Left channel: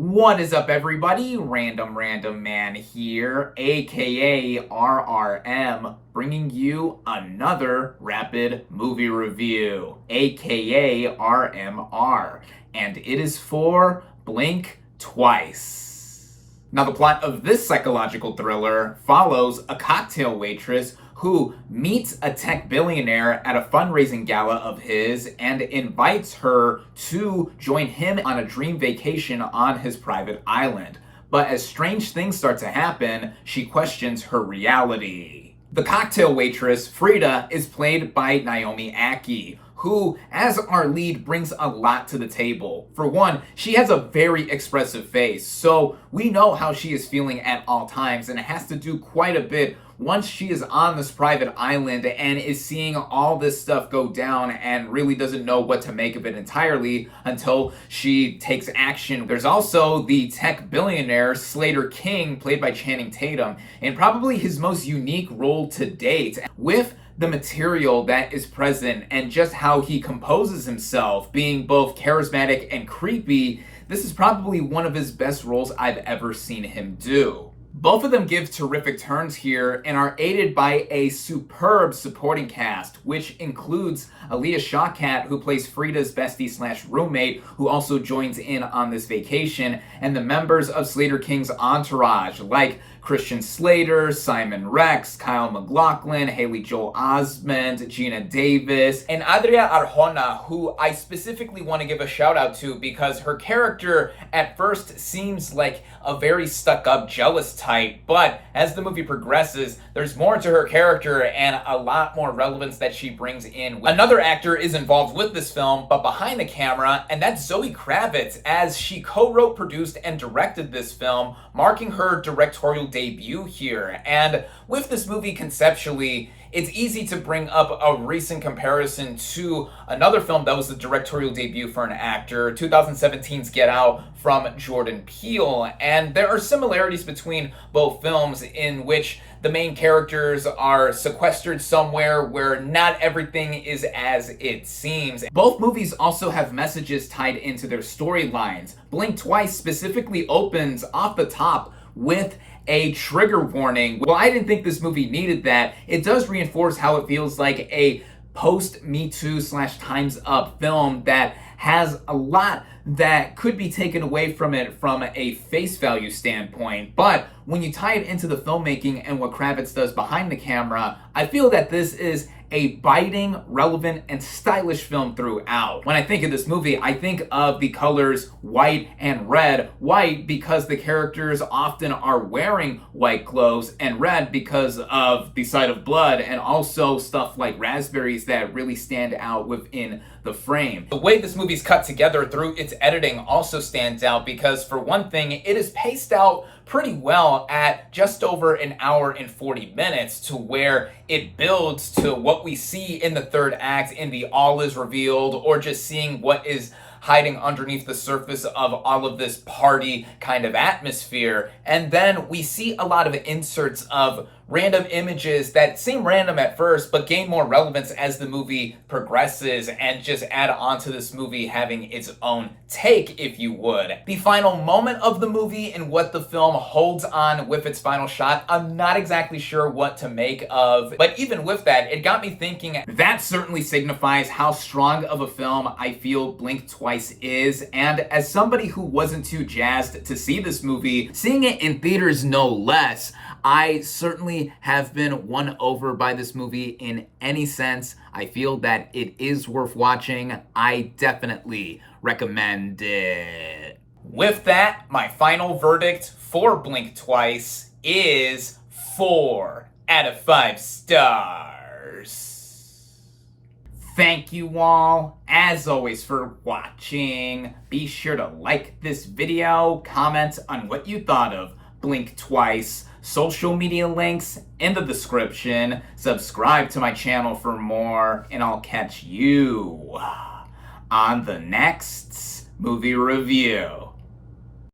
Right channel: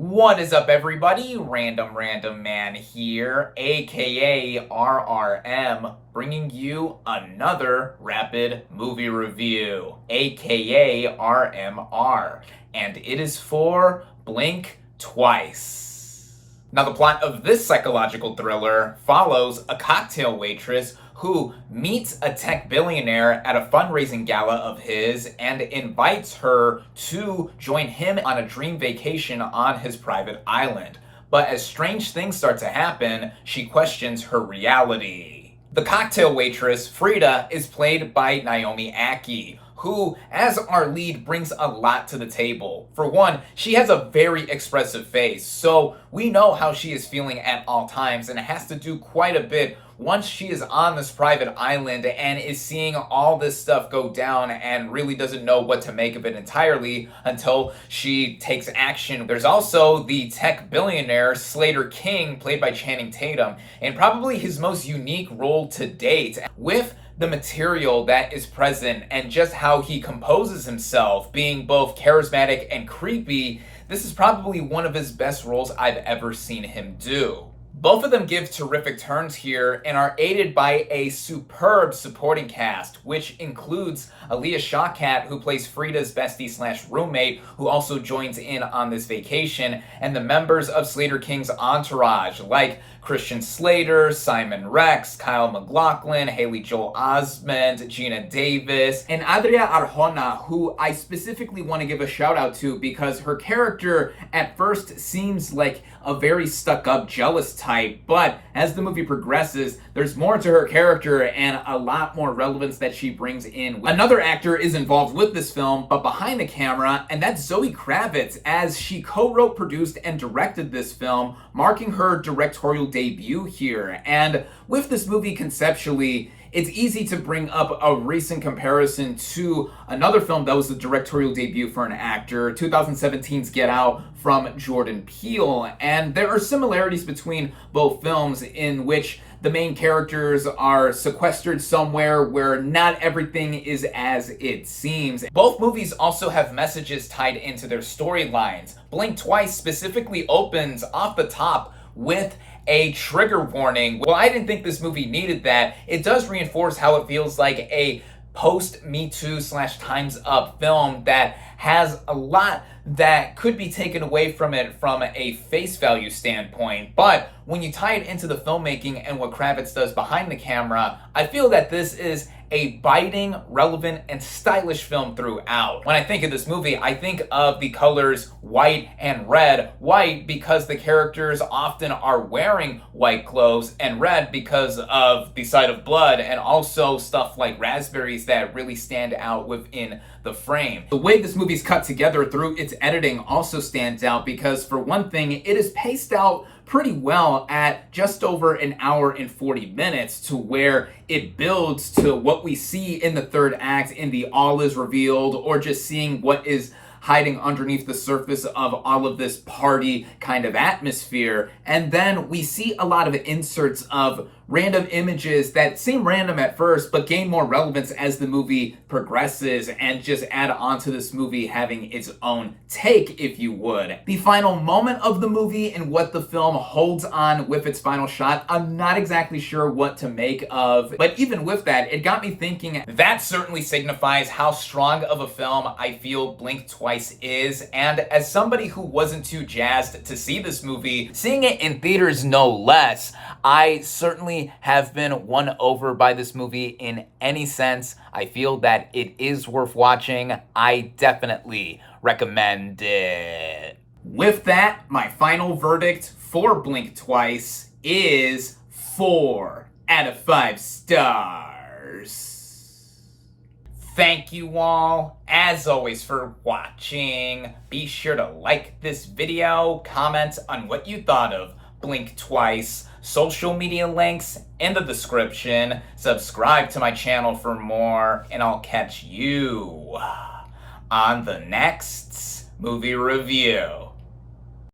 What is up, everybody? Random Random Man here, aka RRM, bringing you another rapid movie review, aka RMR, and it is for Blink Twice. Now, the plot of this psychological thriller follows a cocktail waitress who meets a tech billionaire at a fundraising gala of his and invites her to join him on a dream vacation on his private island. But as strange things start to happen, she questions her reality. The cocktail waitress, Frida, is played by Naomi Ackie, who, as our lead, brings a lot to the table. For one, she has a very expressive face, so we know how she is feeling at all times, and it has to do quite a bit once she is on this private island and is seeing all this stuff go down and really doesn't know what to make of it entirely until she takes action. There's also the tech billionaire, Slater King, played by Channing Tatum, and probably his most unique role to date. With the material that is present and just how he composes himself, being both charismatic and creepy, this is probably one of his best roles I've ever seen him do. Both of them give terrific turns here and are aided by a superb supporting cast, which includes Aaliyah Shawkat, who plays Frida's bestie/roommate, who also joins in on this vacation, and the members of Slater King's entourage, like Christian Slater, Simon Rex, Kyle MacLachlan, Haley Joel Osment, Gina Davis, and Adria Arjona, who I specifically want to give a shout out to because her character at first seems like a very stuck-up, jealous type, but as the movie progresses, there's more to her character and a lot more relevance that she brings in. Another actor is involved with this film, but behind the camera, and that's Zoe Kravitz, as she co-wrote, produced, and directed this film, marking her directorial debut here. And with this movie conceptually, it's easy to bring up a recent comparison to another film that was the directorial debut for an actor, 2017's Get Out from Jordan Peele. And there are similarities between both films in which the main characters are sequestered somewhere where not everything is as it seems. Both movies also have messages tied into their storylines. Blink Twice specifically opens off the top with a trigger warning. Well, I didn't think this movie needed that. It does reinforce how it feels like a post-Me Too/Time's Up film that has a lot that could be taken away from it from a face value standpoint. But when you tie it into the filmmaking and what Kravitz does behind the camera, I feel that this is a biting, relevant, and stylish film throughout. When I think of this movie, I think of the colors white and red. White because the characters often are wearing white clothes, and red because of the sight of blood, and also stuff like raspberries that really stand out within the frame. The way this movie's cut together through its editing also stands out because, for one thing, it is paced out pretty well at just over an hour and 40 minutes, to where it builds to what we see in the third act in the all is revealed, or just seeing what is hiding underneath the surface of all of this party kind of atmosphere. And then we see a lot of inserts of random images that seem random at first, but gain more relevance as the movie progresses and just add on to this movie having its own take, if you would. The final moment of the movie and what the film holds on with its final shot, I'm not exactly sure what to make of, but even with that, it got me thinking that certainly signifies how strong of a film I feel Blink Twice is. And as somebody who wasn't too jazzed to see this movie, seeing it in theaters no less, I certainly have been won over by this movie in any sense. I feel that it is worth watching. I definitely recommend it. With that, my final verdict for Blink Twice is 4 out of 5 stars. Thank you all, as always, for watching. Be sure to like this video, comment on what you thought of Blink Twice, social media links in the description, subscribe to my channel for more, and I'll catch you on the next movie review.